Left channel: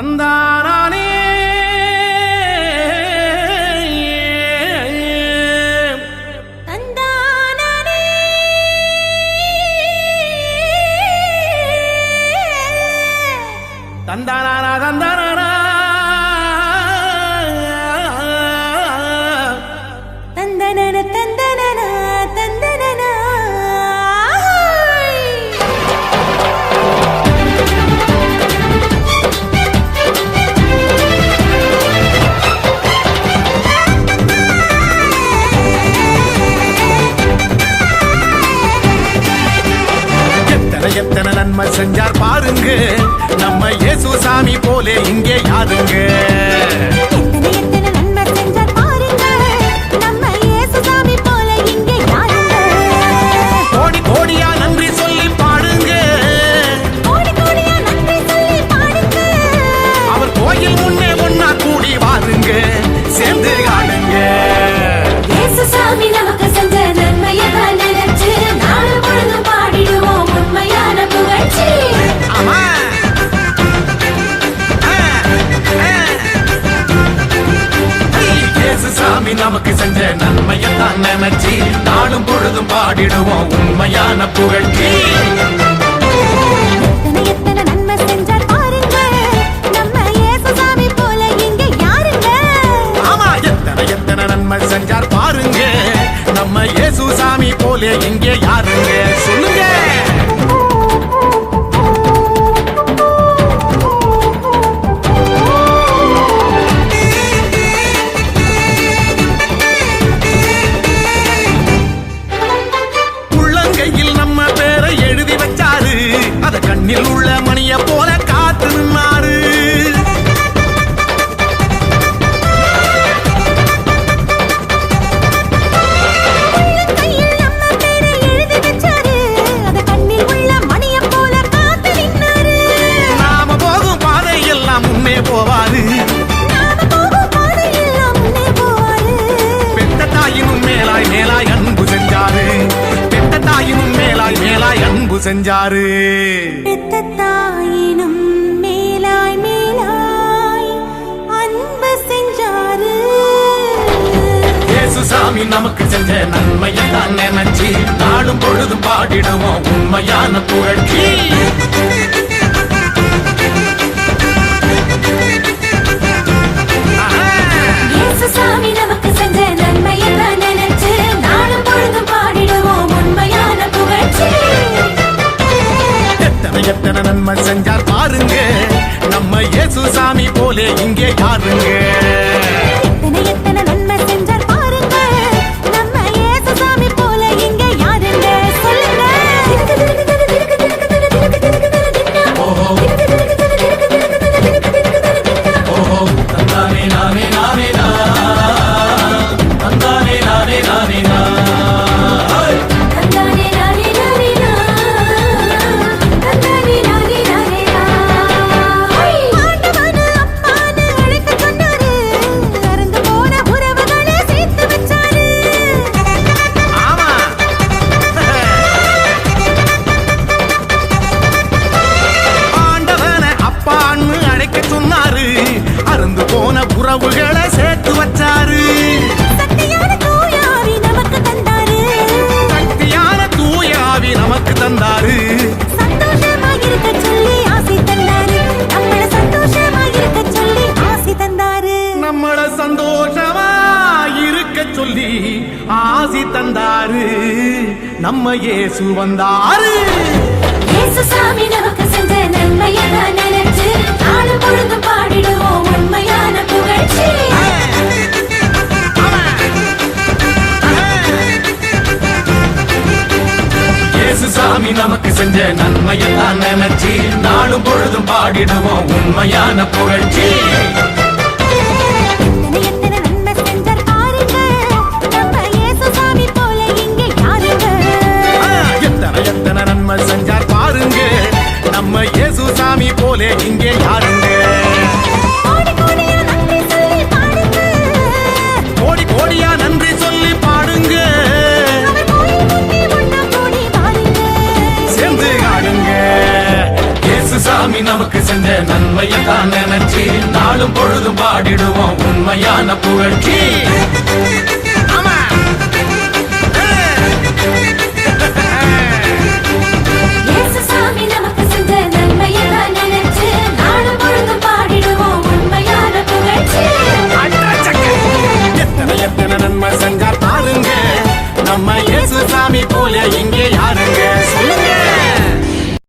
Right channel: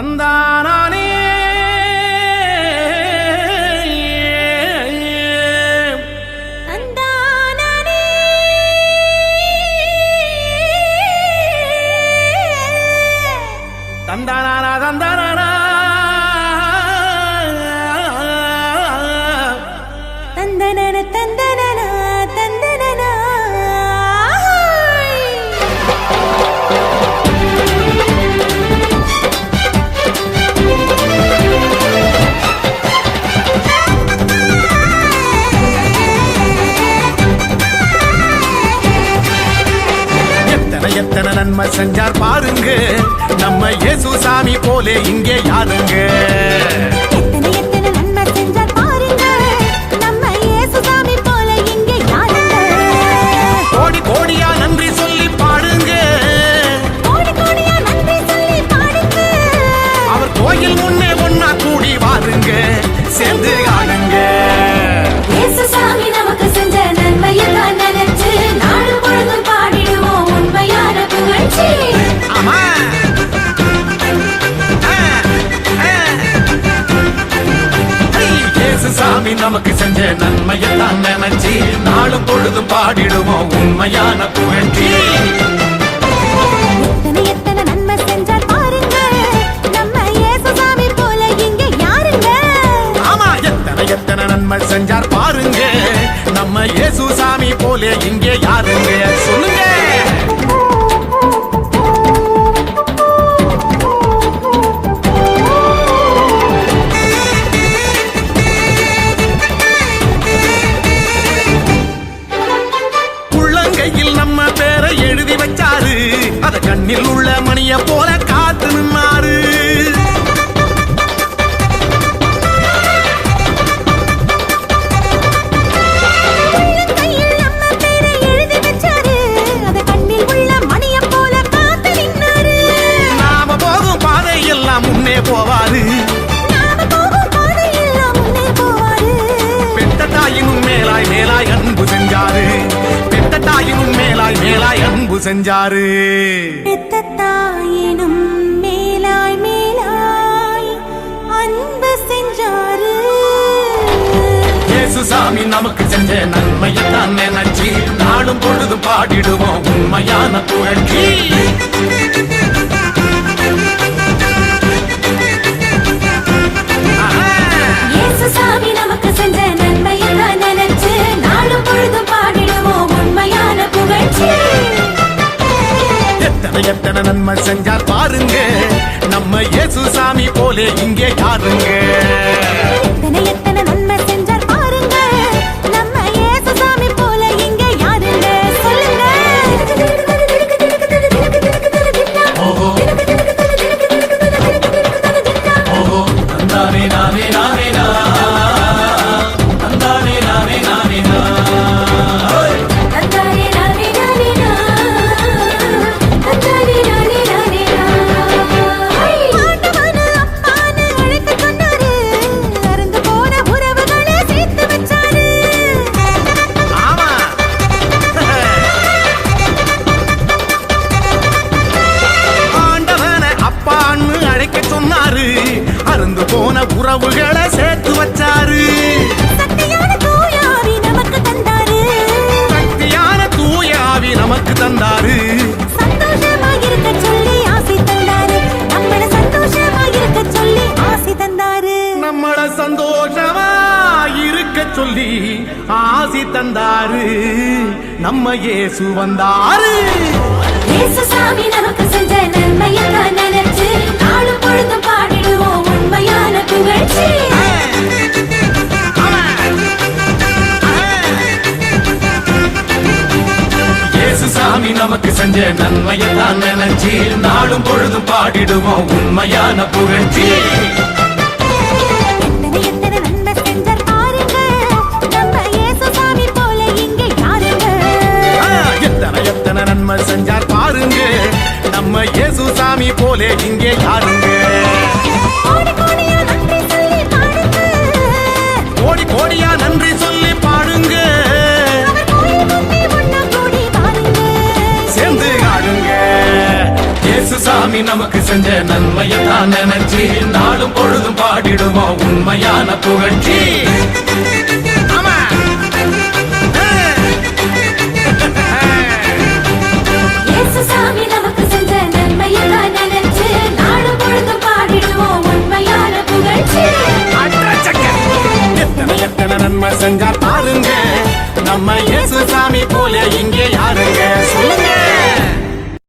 தந்தானே தந்தானா தந்தானா தந்தனன தந்தனன தந்தனன எத்தனை நன்மை செஞ்சார் பாருங்க நம்ம இயேசு சாமி போலே இங்கே யாருங்க. எத்தனை நன்மை செஞ்சார் பாருங்க நம்ம இயேசு சாமி போல இங்கே யாருங்க. கோடி கோடியா நன்றி சொல்லி பாடுங்க, கோடி கோடியா நன்றி சொல்லி பாடுங்க. அவர் கோயில் முன்னே ஒன்னா கூடி வாருங்க, சேர்ந்து ஆடுங்க. இயேசு சாமி நமக்கு செஞ்ச நன்மையை தான் நினைச்சு நாளும் பொழுதும் பாடிடுவோம் உண்மையான புகழ்ச்சி. ஆமா இயேசு சாமி நமக்கு செஞ்ச நன்மையத்தான் நினைச்சு நாளும் பொழுதும் பாடிடுவோம் உண்மையான புகழ்ச்சி. எத்தனை நன்மை செஞ்சார் பாருங்க நம்ம இயேசு சாமி போல இங்க யாருங்க. ஆமா எத்தனை நன்மை செஞ்சார் பாருங்க நம்ம இயேசு சாமி போல இங்கே யாருங்க. சொல்லுங்க. கையில் நம்ம பேரை எழுதி வச்சாரு, அத கண்ணில் உள்ள மணிய போல காத்து நின்னாரு. நாம போகும் பாதை எல்லாம் முன்னே போவாரு, பெத்த தாயினும் மேலாய் மேலாய் அன்பு செஞ்சாரு, பெத்த தாயினும் மேலாய் மேலாய் அன்பு செஞ்சாரு. பெத்த தாயினும் மேலாய் மேலாய் அன்பு செஞ்சாரு. இயேசு சாமி நமக்கு செஞ்ச நன்மையத்தான் நினைச்சு நாளும் பொழுது பாடிடுவோம் உண்மையான புகழ்ச்சி. இயேசு சாமி நமக்கு செஞ்ச நன்மையத்தான் நினைச்சு நாளும் பொழுதும் பாடிடுவோம் உண்மையான புகழ்ச்சி. எத்தனை நன்மை செஞ்சார் பாருங்க நம்ம இயேசு சாமி போலே இங்கே யாருங்க. எத்தனை நன்மை செஞ்சார் பாருங்க நம்ம இயேசு சாமி போல இங்க யாருங்க. சொல்லுங்க. சொன்னாரு, அருந்து போன உறவுகளை சேர்த்து வச்சாரு. சக்தியான தூயாவி நமக்கு தந்தாரு, சக்தியான தூயாவி நமக்கு தந்தாரு. சந்தோஷமாயிருக்க சொல்லி ஆசி தந்தாரு, நம்மள சந்தோஷமாயிருக்க சொல்லி ஆசி தந்தாரு. நம்மள சந்தோஷமா இருக்க சொல்லி ஆசி தந்தாரு. நம்ம இயேசு வந்தாரு. இயேசு சாமி நமக்கு செஞ்ச நன்மையை தான் நினைச்சு நாளும் பொழுதும் பாடிடுவோம் உண்மையான புகழ்ச்சி. இயேசு சாமி நமக்கு செஞ்ச நன்மையை தான் நினைச்சு நாளும் பொழுதும் பாடிடுவோம் உண்மையான புகழ்ச்சி. எத்தனை நன்மை செஞ்சார் பாருங்க நம்ம இயேசு சாமி போல இங்க யாருங்க. எத்தனை நன்மை செஞ்சார் பாருங்க நம்ம இயேசு சாமி போலே இங்கே யாருங்க. கோடி கோடியா நன்றி சொல்லி பாடுங்க, கோடி கோடியா நன்றி சொல்லி பாடுங்க. சேர்ந்து ஆடுங்க. இயேசு சாமி நமக்கு செஞ்ச நன்மையை தான் நினைச்சு நாளும் பொழுதும் பாடிடுவோம் உண்மையான புகழ்ச்சி. ஆமா. இயேசு சாமி நமக்கு செஞ்ச நன்மையை தான் நினைச்சு நாளும் பொழுதும் பாடிடுவோம் உண்மையான புகழ்ச்சி. எத்தனை எத்தனை நன்மை செஞ்சார் பாருங்க, நம்ம இயேசு சாமி போல இங்கே யாருங்க சொல்லுங்க.